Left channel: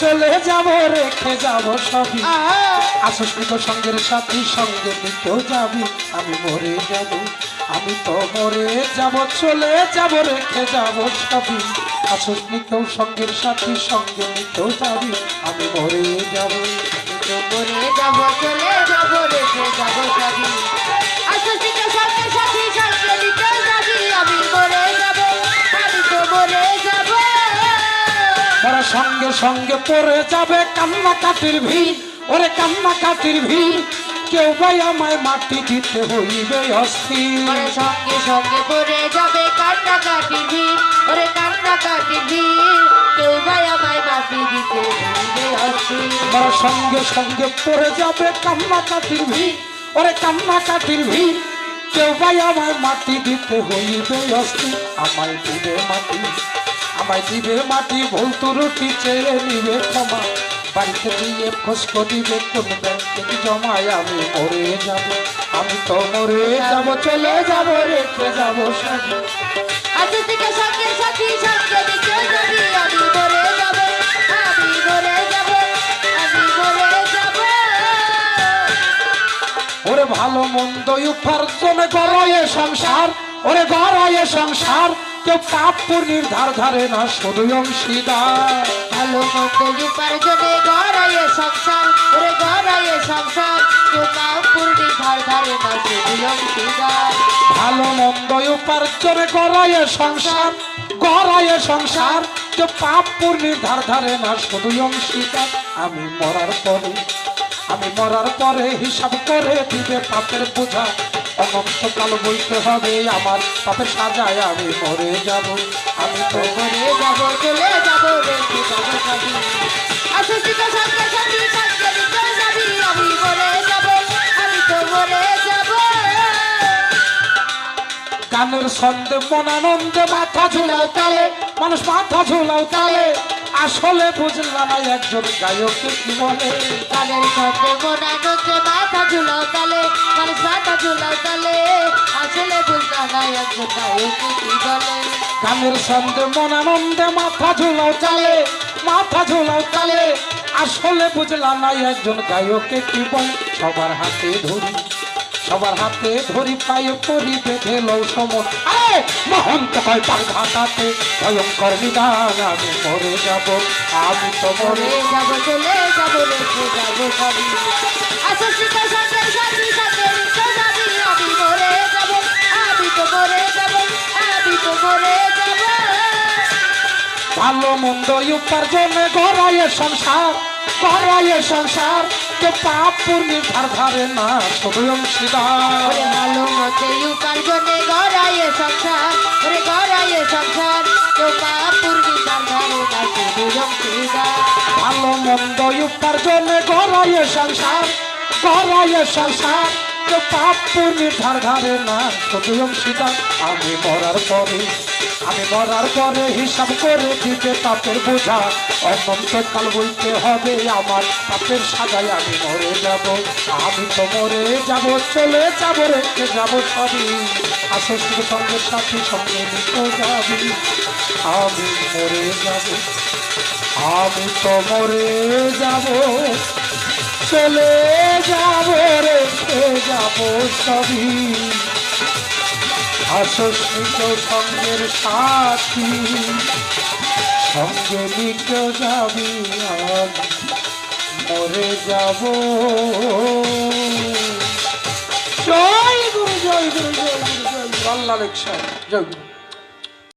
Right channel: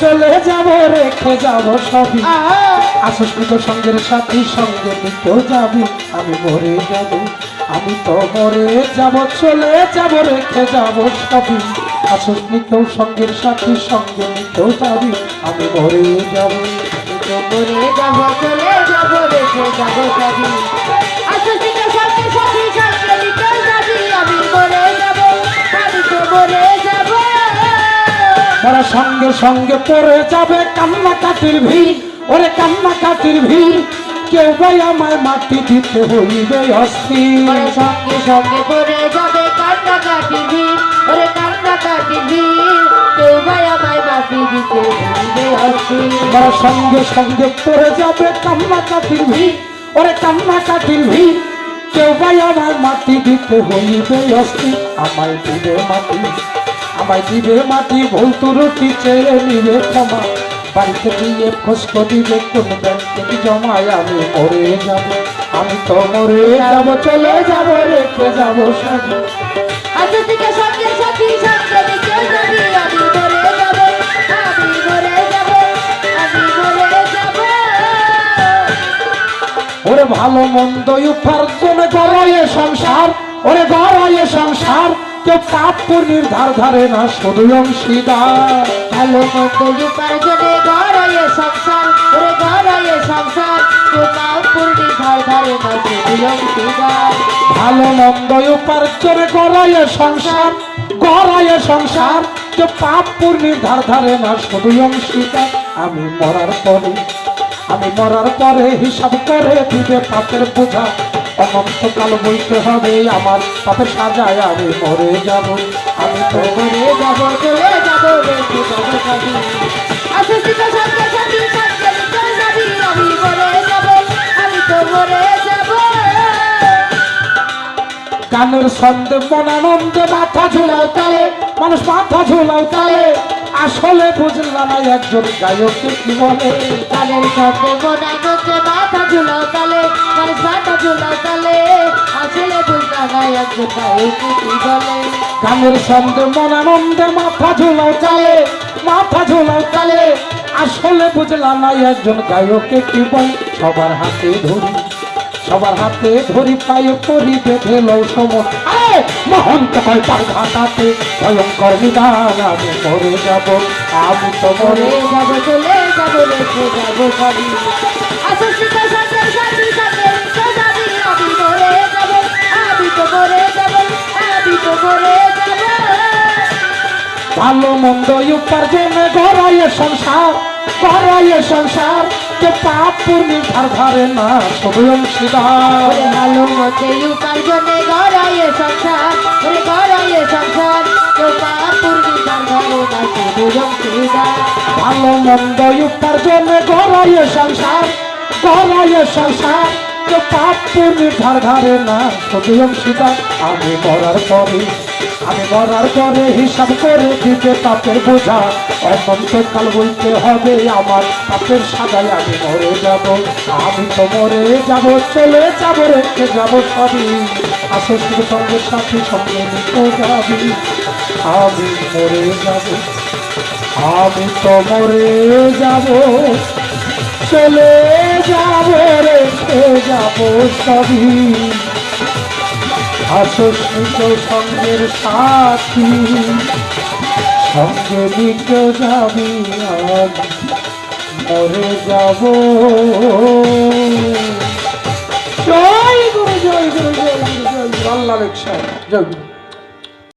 চলে যাব, রেখে যাব সবই। আসস্মিত সঙ্গের সাথী সঙ্গে নিতেও যাবি। আমি মরে যাব, আমি তো মরে যাব, চলে যাব, রেখে যাব সবই। আসস্মিত সঙ্গের সাথী সঙ্গে নিতেও যাবি। আমি মরে যাব যাব, চলে যাব, রেখে যাব সবই। আসছিত সঙ্গে সাথী ওরা সঙ্গে সঙ্গে পড়ে যাবে কান্না কাটির ভিড়। ওরে কান্না কাটির ভিড়। কেউ ভাই আমায় মাটি দিতে হইবে অস্থির। সঙ্গে সঙ্গে পড়ে যাবে কান্না কাটি ভিড়। ওরে কান্না কাটি ভিড়। কেউ ভাই আমায় মাটি দিতে হচ্ছি ওরা সঙ্গে সঙ্গে পড়ে যাবে কান্না কাটির ভিড়। ওরে কান্না কাটির ভিড়। কেউ ভাই আমায় মাটি দিতে হইবে অস্থির। আমায় দিবে মাটি। আমায় দিবে মাটি ভুল রুটি চেয়ে নিবে ক্ষমা। বাড়িতে দিয়ে খোঁজক দিবে কোন ব্যাংকে জমায় আমি মরে যাব আমি তো মরে যাব চলে যাব রেখে যাব সাজে আসছিত সঙ্গে সাথী সঙ্গে নিতে যাবি আমি মরে যাব আমি মরে যাব আমি মরে যাব। ওরে ভালো মন্দ উপার্জনে গড়ায় সংসার ওরে গড়ায় সংসার। কেউ পাপ পুণ্যের ধার ধারে না শুধু অংশীদার ভালো মন্দ উপার্জনে গড়াইয়ে সংসার ওরে গড়াইয়ে সংসার। কেউ পাও পূর্ণি ধার ধারে না শুধু অংশীদার ভালো মন্দ উপার্জনে গড়ায় সংসার গড়ায় সংসার। কেউ পাপ পুণ্যের ধার ধারে না শুধু অংশীদার আমি মরার পরে আমি মরার পরে হিসাব করে দিবে পাপের বোঝা। অনন্তকাল বইতে হবে, আমার পাপের সাজায় আমি মরে যাব। আমি তো মরে যাব, চলে যাব রেখে যাব সবই আসছিত সঙ্গে সাথী সঙ্গে আমি মরে যাব, আমি তো মরে যাব। গানের ছন্দে মনানন্দে মাথা ঝুলাও তালে, মানুষ মাথা ঝুলাও তালে। আসলে বুঝলাম না একজন গায়ককে কি বলে। কানের সাথে মনানন্দে মাথা ঝুলাও তালে মানুষ মাথা ঝুলাও তালে। আসলে বুঝলাম না একজন গায়কে কি বলে। গানের ছন্দে মনানন্দে মাথা ঝুলাও তালে মাথা ঝুলাও তালে। আসলে বুঝলাম না একজন গায়ককে কি বলে। সবার হাতে ধরি। সবার হাতে ধরি পায়ে পরি বেঁধে সময়। আরে মহন্ত কয় ঘাটাতে ভয়ঙ্কর নিদান আমি মরে যাব। আমি তো মরে যাব চলে যাব রেখে যাব সবই মরে যাব। ভালো মন্দ উপার্জনে গড়াইয়ে সংসার। গড়াইয়ে সংসার কে পাপ পূর্ণির ধার ধারে না অংশীদার। ওরে ভালো মতে উপার্জনে গড়াইয়ে সংসার ওরে গড়াইয়ে সংসার তো পাপুরনি তার ঘরে না শুধু অংশীদার। ভালো মন্দ উপার্জনে গড়াইয়ে সংসার গড়াইয়ে সংসার কে পাপ পূর্ণির ধার ধারে না সবই অংশীদার। আমি মরার পরে আমি মরার পরে হিসাব করে দিতে পাপের বোঝা। অনন্তকাল বলতে হবে আমার, পাপের সাজায় আমি মরে যাব। আমি তো মরে যাব, চলে যাব, রেখে যাব সবই। আসে শুধু সঙ্গে সাথী, সঙ্গে নিতে যাবি আমি মরে যাব, আমি তো মরে যাব। চলে যাব, রেখে যাব সবই। আসস্মিত সঙ্গের সাথী। সঙ্গে নিতে যাবি আজ, মরে যাব। জয় গুরু জয় গুরু জয় গুরু, জয় আল্লাহ লেখা জয়